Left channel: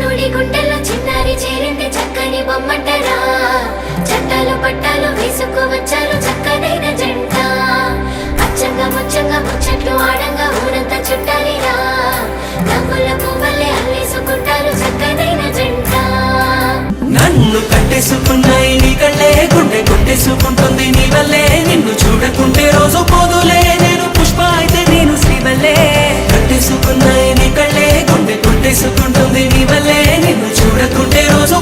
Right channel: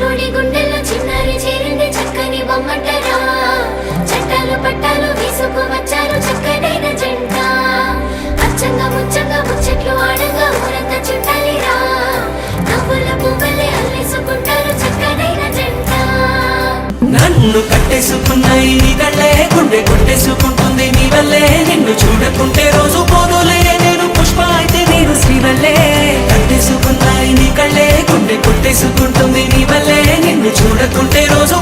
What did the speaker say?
చిన్నోడి గుండెల్లో చిన్నారి చేరింది చక్కని బొమ్మంటరా చట్టాలు పట్టాలు వేసుకు వచ్చారు చక్కనైన జంట అచ్చంగా ముచ్చంగా ముచ్చట్లు ఆడంగా ఊరంతా చుట్టాలిరా నవ్వుల పువ్వులే అల్లేసుకుంటారు చక్కనైన జంట నన్ను కట్టేసుకున్నాయి నీ కళ్ళే గుండె కొట్టేసుకుంటుంది నీ వల్లే నిన్ను చూడకుంటే రోజు పోదులే నేను పుష్ప అయితే నేను శ్రీవల్లే కట్టేసుకున్నాయి నీ కళ్ళే గుండె కొట్టేసుకుంటుంది నీ వల్లే నిన్ను చూడకుంటే రోజు